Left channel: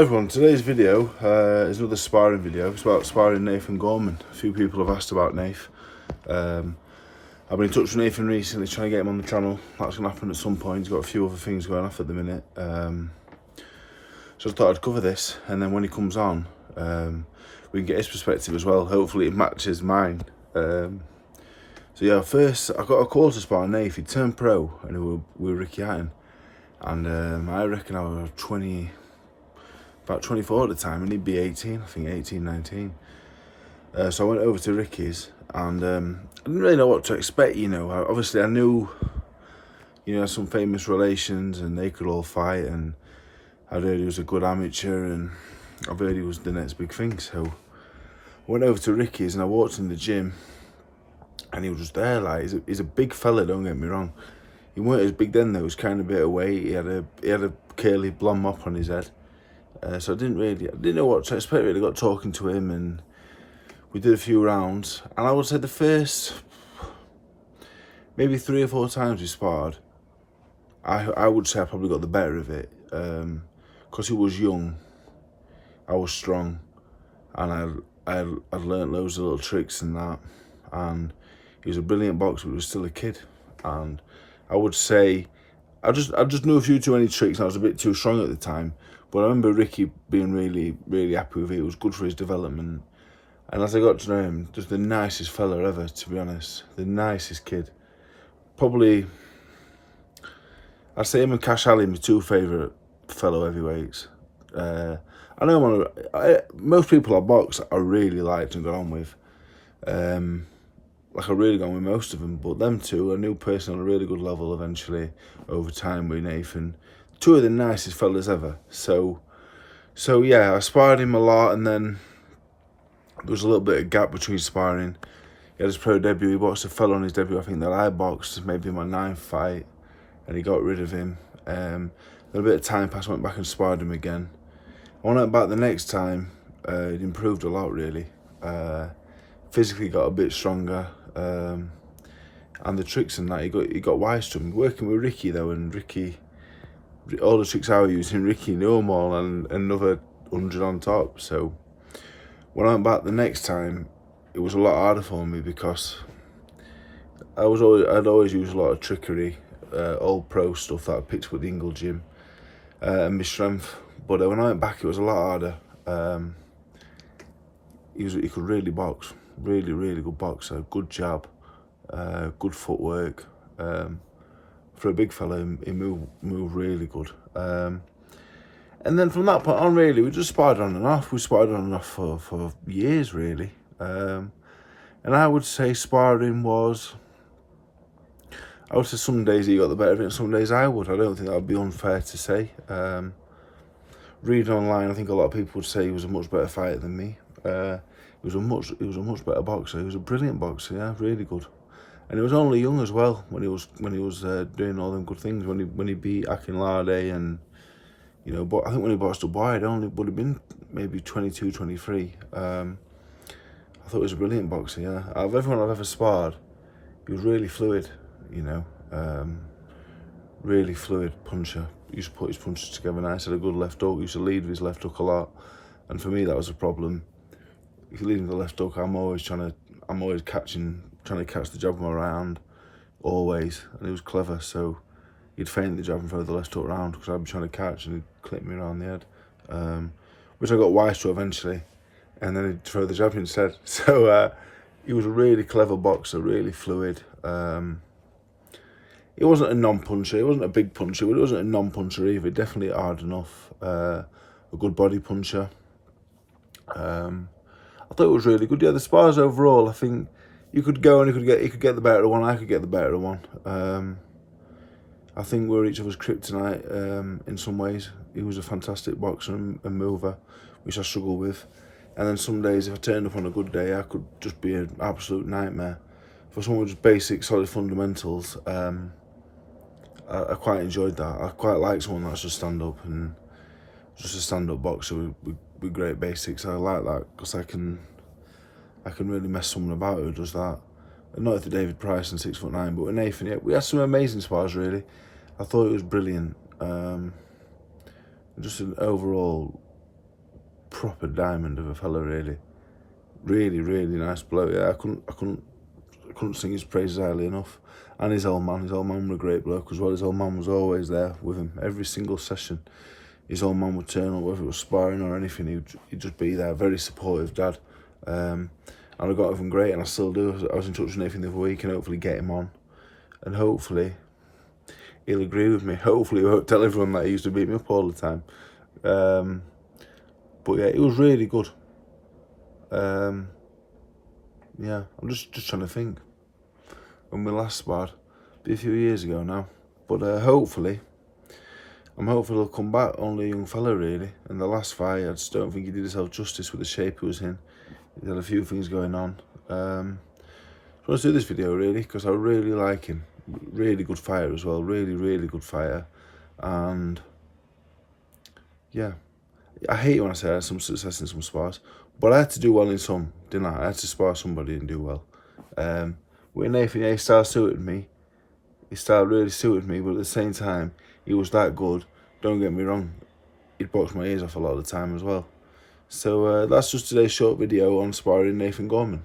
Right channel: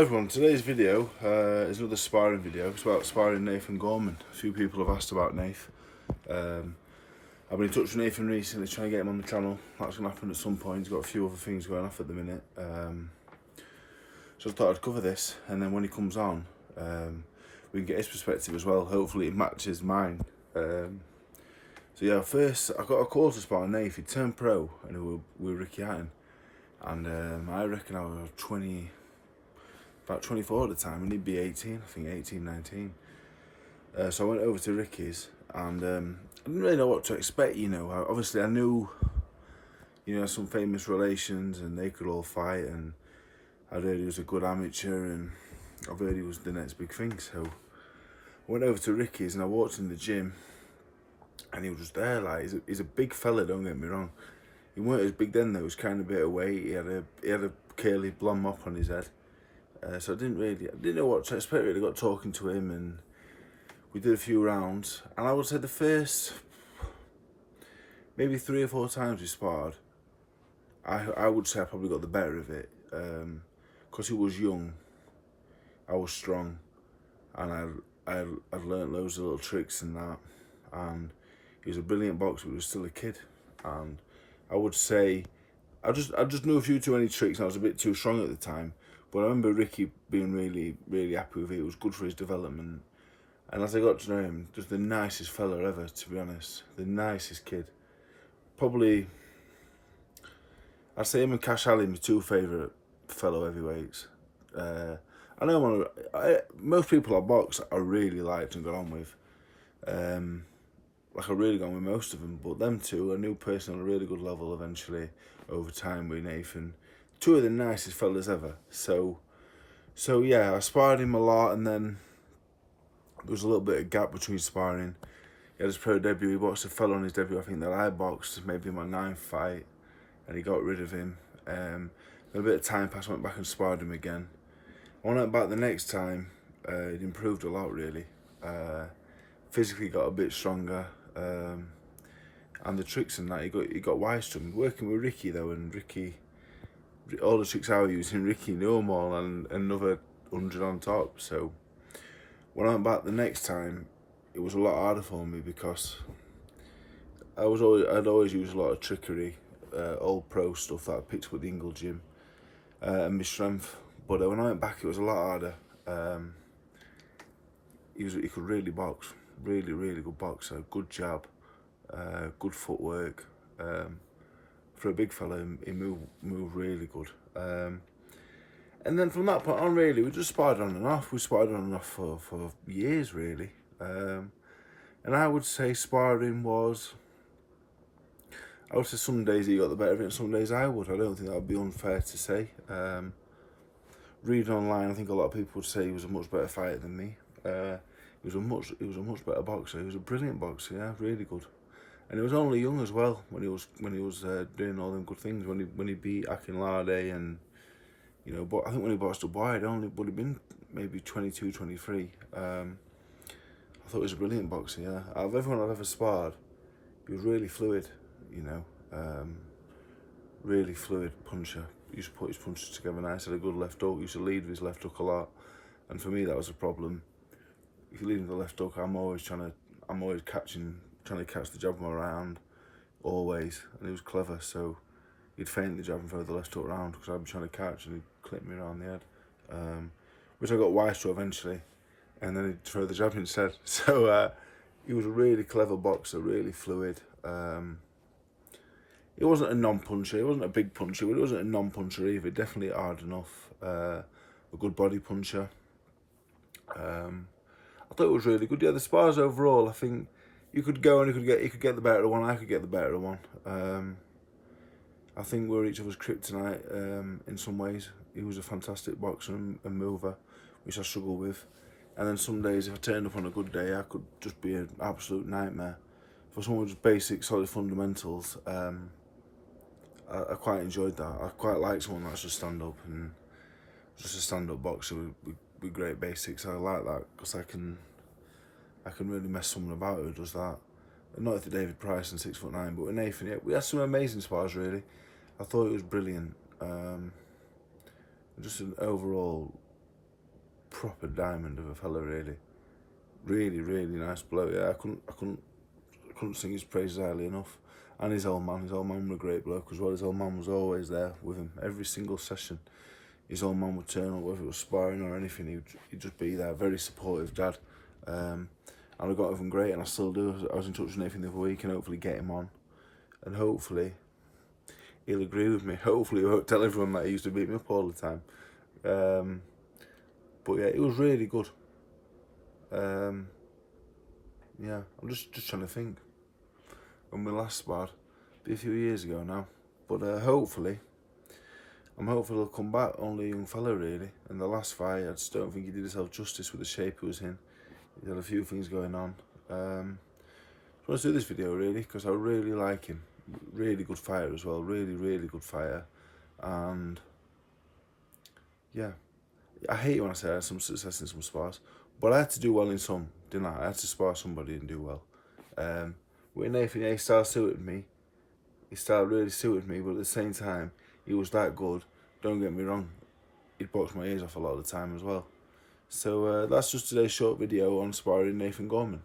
Everyone, today's video is another sparring video. It's about sparring Nathan Gorman. A few people have asked about Nath. I've been in touch with Nathan recently, trying to get him on the channel. That's going to happen at some point. He's got a few other things going off at the minute. So I thought I'd cover this, and then when he comes on, we can get his perspective as well. Hopefully it matches mine. So yeah, first I got a call to spar Nath. He turned pro, and we were Ricky Hatton. And I reckon I was about 24 at the time, and he'd be 18, I think 18, 19. So I went over to Ricky's, and I didn't really know what to expect, you know. Obviously I knew, you know, some famous relations, and they could all fight, and I'd heard he was a good amateur, and I've heard he was the next big thing. So I went over to Ricky's, and I walked in the gym, and he was just there. Like, he's a big fella, don't get me wrong. He weren't as big then though. He was kind of a bit of weight. He had a curly blonde mop on his head. So I didn't know what to expect really. Got talking to him, and we did a few rounds. And I would say the first maybe 3 or 4 times we sparred, I would say I probably got the better of it. Because he was young, I was strong, and I'd learnt loads of little tricks and that. And he was a brilliant boxer, but he was still a kid. And I would say I just knew a few too many tricks, and I was a bit too strong at the time. But I remember Ricky being really happy with it. It was good for his development. And as I got to know him, just the nicest fella ever, to be honest. The nicest kid. Probably, I'd say him and Cash Ali, my 2 favourite fellow heavyweights. I know most people I box I really liked and got on with. Like I really got on with most of them, but them 2 I knew personally on a really good level eventually over time with Nathan. 2 of the nicest fellas ever. So yeah, I sparred him a lot, and then there was a little bit of gap between sparring. He had his pro debut. He boxed a fella on his debut, I think, that I boxed maybe my 9th fight, and he got rid of him. Then a bit of time passed, went back and sparred him again. I went back the next time. It improved a lot really. Physically got a bit stronger, and the tricks and that he got wise to him. Working with Ricky though, and Ricky, all the tricks I was using, Ricky knew them all, and another 100 on top. So when I went back the next time, it was a lot harder for me because I'd always use a lot of trickery, old pro stuff that I picked with the Ingle gym, and my strength. But when I went back, it was a lot harder. He could really box, really good boxer, good jab, good footwork. For a big fella, he moved really good. And then from that point on, really, we just sparred on and off. We sparred on and off for years, really. And I would say sparring was, I would say some days he got the better of it, and some days I would. I don't think that would be unfair to say. Reading online, I think a lot of people would say he was a much better fighter than me. He was a much better boxer. He was a brilliant boxer, yeah, really good. And he was only young as well when he was doing all them good things. When he beat Akinlade, and you know, but I think when he boxed up wide, only would have been maybe 22, 23. I thought he was a brilliant boxer. Yeah, out of everyone I've ever sparred, he was really fluid. You know, really fluid puncher. He used to put his punches together nice. Had a good left hook. He used to lead with his left hook a lot, and for me that was a problem. If you lead with the left hook, I'm always trying to catch the jab with my right hand, always. And he was clever, so he'd feint the jab and throw the left hook round because I'd be trying to catch, and he'd clip me around the head, which I got wise to eventually, and then he'd throw the jab instead. So he was a really clever boxer, really fluid. He wasn't a non-puncher, he wasn't a big puncher, but he wasn't a non-puncher either. Definitely hard enough, a good body puncher. I thought it was really good. Yeah, the spars overall, I think you could go and he could get the better of one, I could get the better of one. I think we're each other's kryptonite in some ways. He was a fantastic boxer and mover, which I struggle with. And then some days, if I turned up on a good day, I could just be an absolute nightmare. For someone with just basic, solid fundamentals, I quite enjoyed that. I quite like someone that's just stand-up and just a stand-up boxer with great basics. I like that because I can really mess someone about who does that. And not with the David Price and 6'9", but with Nathan, yeah, we had some amazing spars really. I thought it was brilliant. Just an overall proper diamond of a fella, really. Really nice bloke. Yeah, I couldn't sing his praises highly enough. And his old man was a great bloke as well. His old man was always there with him every single session. His old man would turn up, whether it was sparring or anything. He'd just be there. Very supportive dad. And I got with him great, and I still do. I was in touch with Nathan the other week, and hopefully get him on, and hopefully he'll agree with me. Hopefully he won't tell everyone that he used to beat me up all the time. But yeah, it was really good. Yeah, I'm just trying to think when we last sparred. Be a few years ago now, but hopefully he'll come back. Only a young fella, really. And the last fight, I just don't think he did himself justice with the shape he was in. He had a few things going on. So let's do this video, really, because I really like him. Really good fighter as well. Really good fighter. And yeah, I hate it when I say I had some success in some spars, but I had to do well in some, didn't I? I had to spar somebody and do well. With Nathan, yeah, his style suited me. His style really suited me, but at the same time, he was that good. Don't get me wrong, he'd box my ears off a lot of the time as well. So that's just today's short video on sparring Nathan Gorman.